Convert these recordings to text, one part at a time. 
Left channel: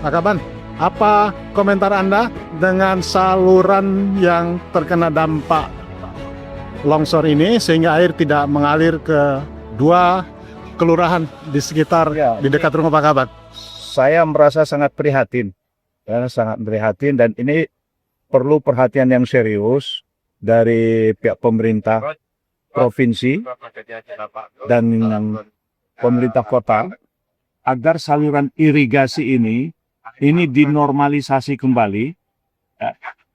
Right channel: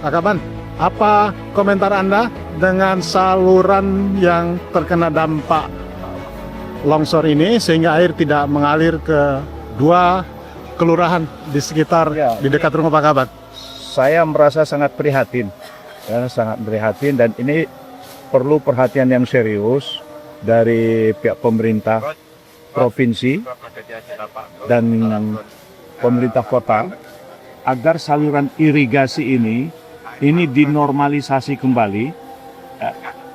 Pak Kaban, apa komentar Anda dengan saluran yang terkena dampak longsor ini sehingga air tidak mengalir ke dua kelurahan di sekitar di dekat rumah Pak Kaban? Saya merasa sangat prihatin, dan ini perlu perhatian yang serius dari pihak pemerintah provinsi dan pemerintah kota agar saluran irigasi ini dinormalisasi kembali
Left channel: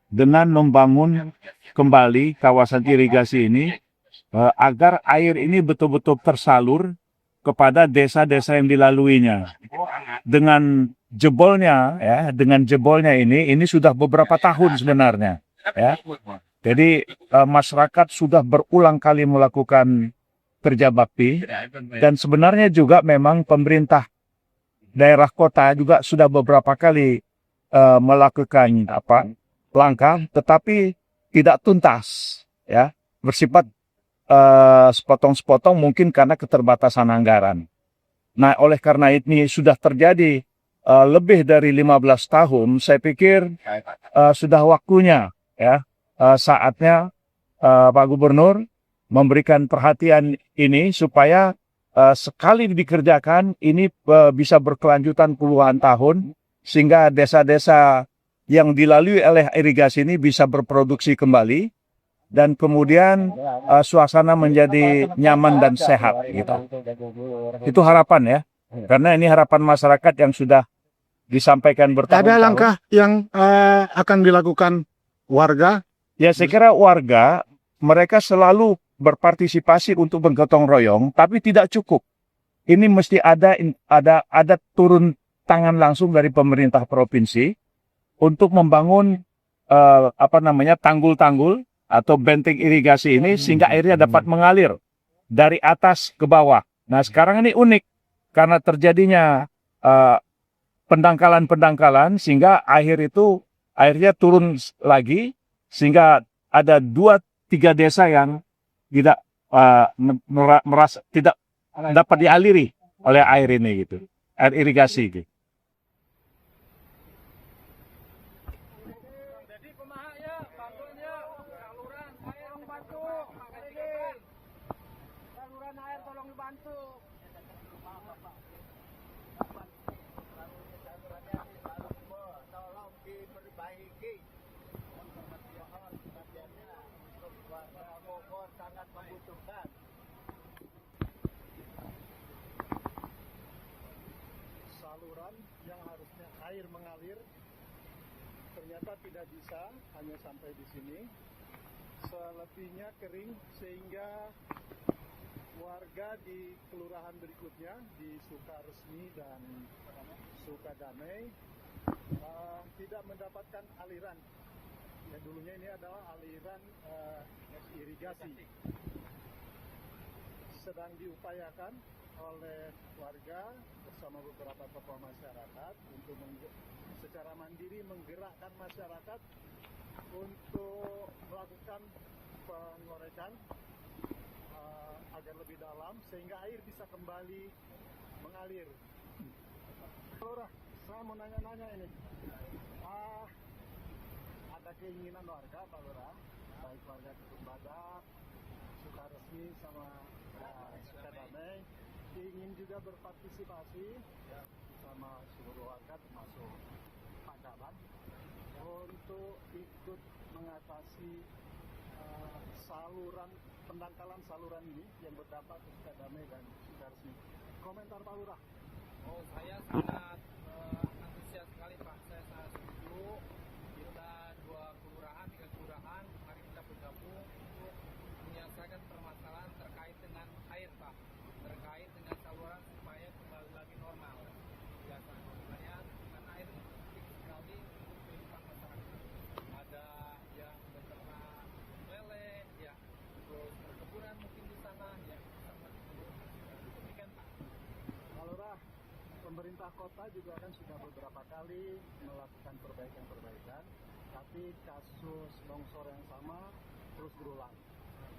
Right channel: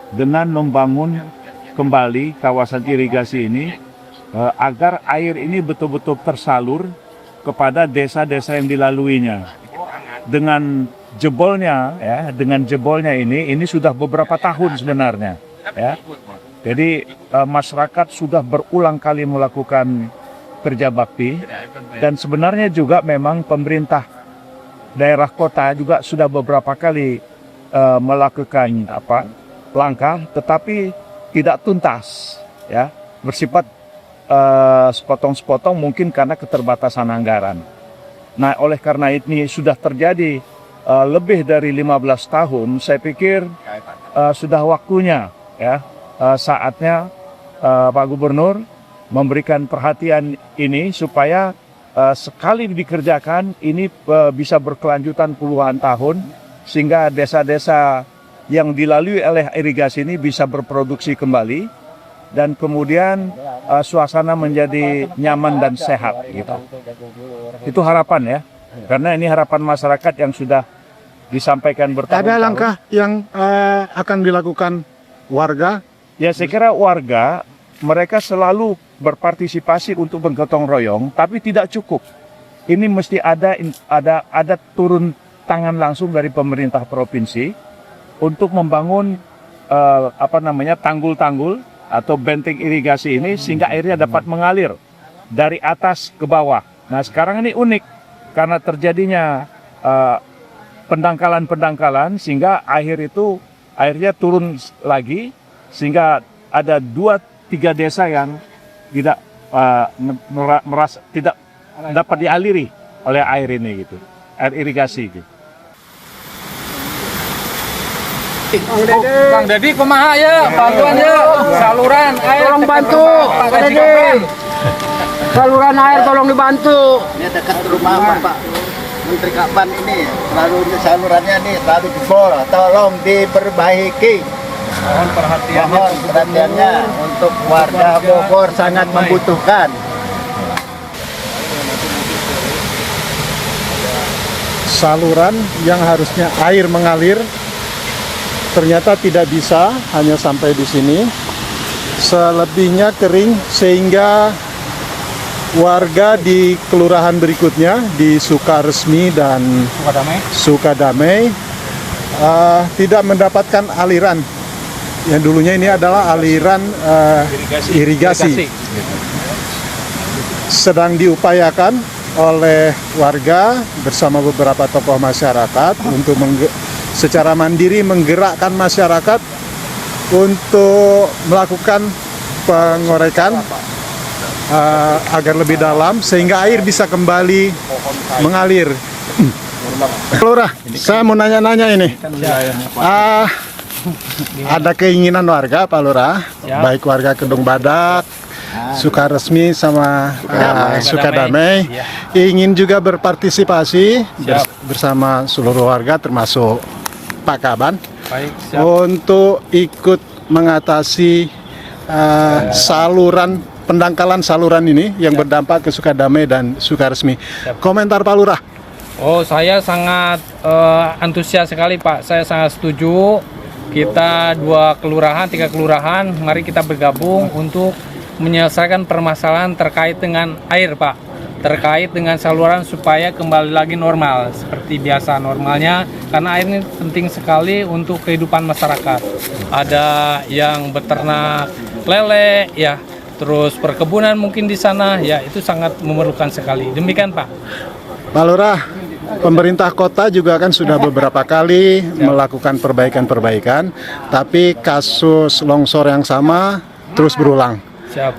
dengan membangun kembali kawasan irigasi ini agar air ini betul-betul tersalur kepada desa-desa yang dilaluinya. Dengan jebolnya ini sudah beberapa tahun sebenarnya, ya. Jadi masyarakat sudah berulang kali melakukan kerja bakti, dan sebenarnya juga memang pemerintah daerah kota juga sudah beberapa kali melakukan langkah, tetapi tidak tuntas, ya, bersifat sepotong-sepotong mungkin karena keterbatasan anggaran. Nah, oleh karena ini sudah terjadi lebih dari 15 tahun, saya pikir sudah waktunya, ya, saatnya Pak Gubernur memberikan perhatian ini supaya sekali dikerjakan ini bisa berkelanjutan puluhan tahun sehingga desa-desa yang dilalui oleh irigasi ini bisa berproduksi kembali dan kemudian suasana menjadi nyaman dan sehat gitu. Itu harapan ya. Karena ini harapan masyarakat yang sudah disampaikan bertahun-tahun. Ada langkah yang akan dilakukan warga? Ya, saya kira warga mereka selalu berpartisipasi untuk bergotong royong, tapi tidak cukup. Ini mesti ada turun tangan langsung dari pemerintah provinsi untuk membangun tanggul-tanggul atau benteng irigasi ini sehingga airnya dapat mengalir dari atas ke bawah. Nah, sekarang ini unik karena terjadinya pendangkalan sehingga airnya turun lagi sehingga ada 2-3 desa yang tidak merasa tidak dapat dialiri oleh air ini gitu, air irigasi gitu. Bang Dedi kumaha ya, bantuan ya, saluran air tolong bantu. Pak Dedi, saluran air tolong dibantu. Ini dekat rumah Bapak Menteri Kaban ini, selalu salurannya nih selalu jebol, tolong diperbaiki. Mohon perhatiannya untuk warga Bogor sangat membutuhkan. Saluran yang harusnya air mengalir ternyata tidak bisa, hanya sampai di sini. Selebihnya kering sehingga warga di kelurahan berikutnya di Sukaresmi dan Sukadamai tidak mendapatkan aliran. Yang dulunya ini adalah aliran irigasi. Sedang diupayakan oleh warga bersama beberapa tokoh masyarakat untuk secara mandiri menggerakkan masyarakat untuk melakukan pengorekan agar lebih dalam sehingga air bisa kembali mengalir. Lurah, saya mau nanya-nanya ini. Ada keinginan warga, Pak Lurah, baik warga Kedung Badak, Sukaresmi sama Sukadamai, ingin juga berpartisipasi bersama seluruh warga termasuk Pak Kaban untuk ikut mengatasi pendangkalan saluran ini yang berdampak ke Sukadamai dan Sukaresmi. Komentar Pak Lurah. Oh, saya sangat antusias sekali Pak, saya sangat setuju. Kita 2 kelurahan, 3 kelurahan, mari kita bergabung untuk menyelesaikan permasalahan terkait dengan air Pak, terkait dengan saluran supaya kembali lagi normal seperti biasa normalnya, karena air ini penting sekali untuk kehidupan masyarakat. Ada yang beternak lele ya, terus perkebunan mungkin di sana ya, itu sangat memerlukan sekali. Demikian Pak. Pak Lurah, pemerintah kota juga kan sudah beberapa kali melakukan perbaikan, tapi kasus longsor yang sama terus berulang. Siap.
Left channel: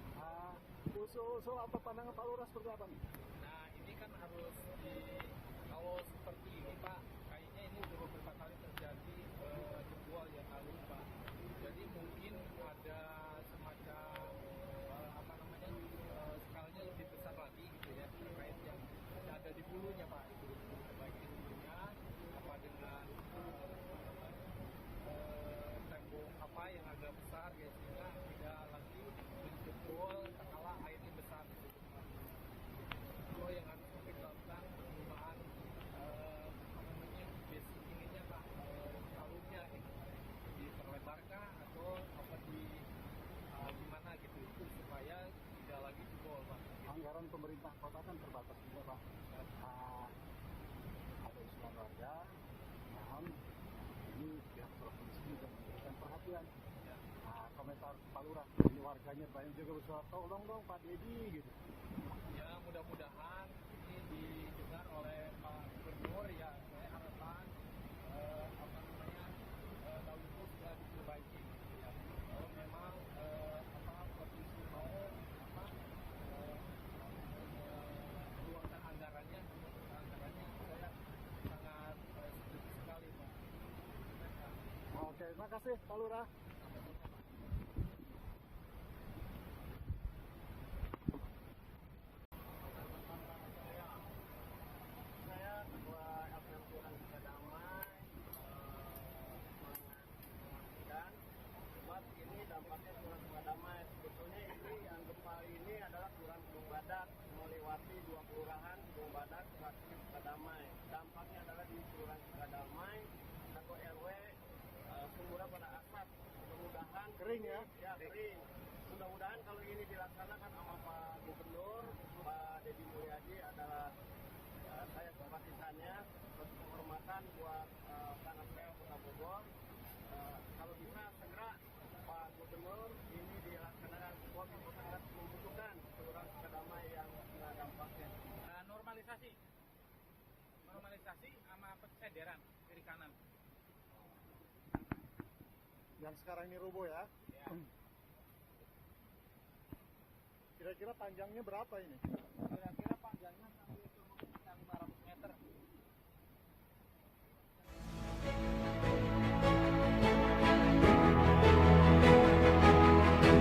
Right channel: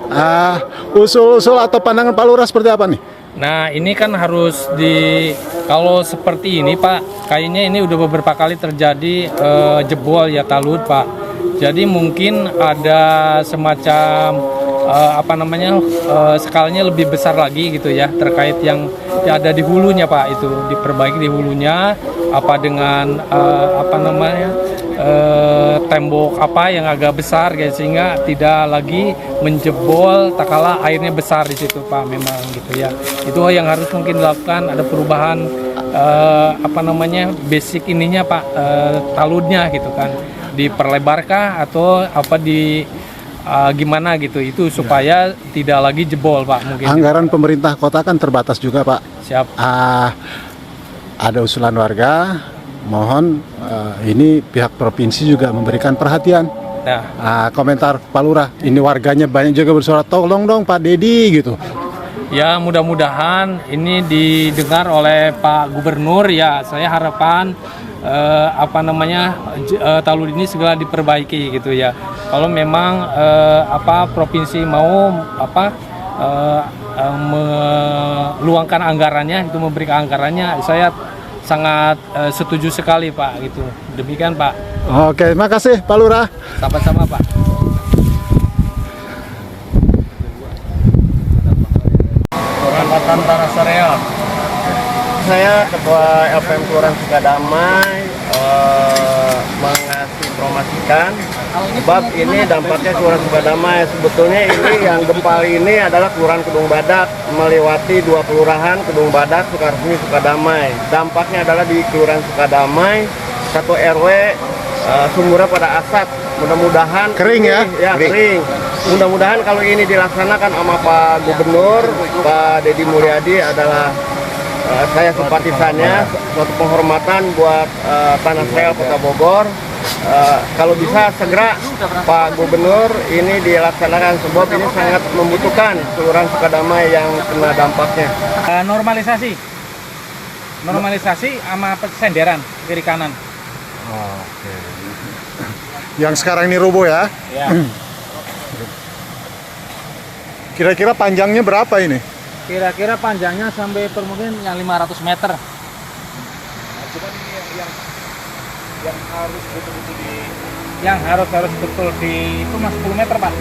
Usul-usul atau pandangan Pak Lurah seperti apa nih? Nah, ini kan harus kalau seperti ini Pak, kayaknya ini udah beberapa kali terjadi jebol ya talud Pak. Jadi mungkin ada semacam skalanya lebih besar lagi gitu ya, terkait yang ada di hulunya Pak, itu diperbaiki di hulunya dengan tembok yang agak besar gitu, sehingga tidak lagi menjebol tak kala airnya besar di situ Pak, memang gitu ya. Itu yang harus mungkin dilakukan, ada perubahan basic ininya Pak, taludnya gitu kan, diperlebarkah atau gimana gitu, itu supaya tidak lagi jebol Pak mungkin. Anggaran pemerintah kota kan terbatas juga Pak. Siap. Ada usulan warga, mohon ini pihak provinsi juga memberikan perhatian. Nah, Komentar Pak Lurah, ini warganya banyak juga bersuara, tolong dong Pak Dedi gitu. ya mudah-mudahan ini didengar oleh Pak Gubernur ya. Saya harapan talud ini segera diperbaiki gitu ya. Kalau memang provinsi mau meluangkan anggarannya, itu memberikan anggarannya, saya sangat setuju sekali Pak gitu. Demikian Pak. Oke, terima kasih Pak Lurah. Sama-sama Pak. Kecamatan Tanah Sareal. Saya Ketua LPM Kelurahan Sukadamai menginformasikan sebab ini dampaknya Kelurahan Sukadamai. Sebetulnya ini yang gempa ini adalah Kelurahan Kedung Badak, melewati 2 kelurahan, Kedung Badak, Sukaresmi, Sukadamai. Dampaknya adalah di Kelurahan Sukadamai, 1 RW sumurnya pada asap. Mudah-mudahan Kering ya? Kering. Mudah-mudahan kalau ini dilaksanakan sama Pak Gubernur, Pak Dedi Mulyadi adalah saya simpatisannya, suatu penghormatan buat Tanah Sareal Kota Bogor. Kalau bisa segera Pak Gubernur ini dilaksanakan, sebab ini sangat membutuhkan Kelurahan Sukadamai yang kena dampaknya. Normalisasi sama senderan kiri kanan. Oke. Yang sekarang ini roboh ya? Ya. Kira-kira panjangnya berapa ini? Kira-kira panjangnya sampai mungkin yang 500 meter. Yang harus betul di itu mas 10 meter Pak.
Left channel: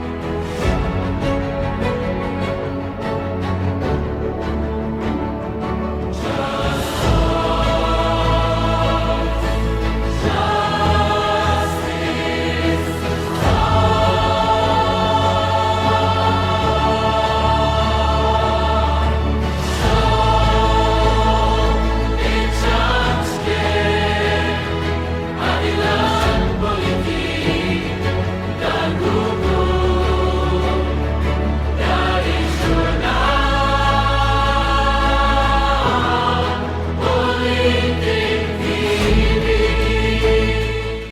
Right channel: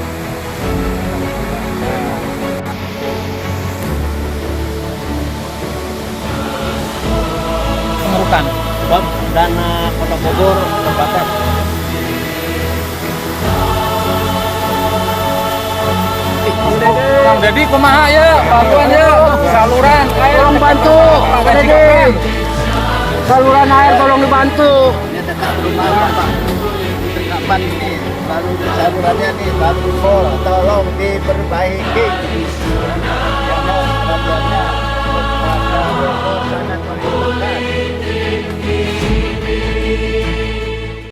Pengurukan dana Kota Bogor terbatas. Jadi kumaha ya, bantuan ya, saluran air tolong bantu, Saluran air tolong dibantu. Kapan ini lalu salurannya nih baru jebol, tolong diperbaiki.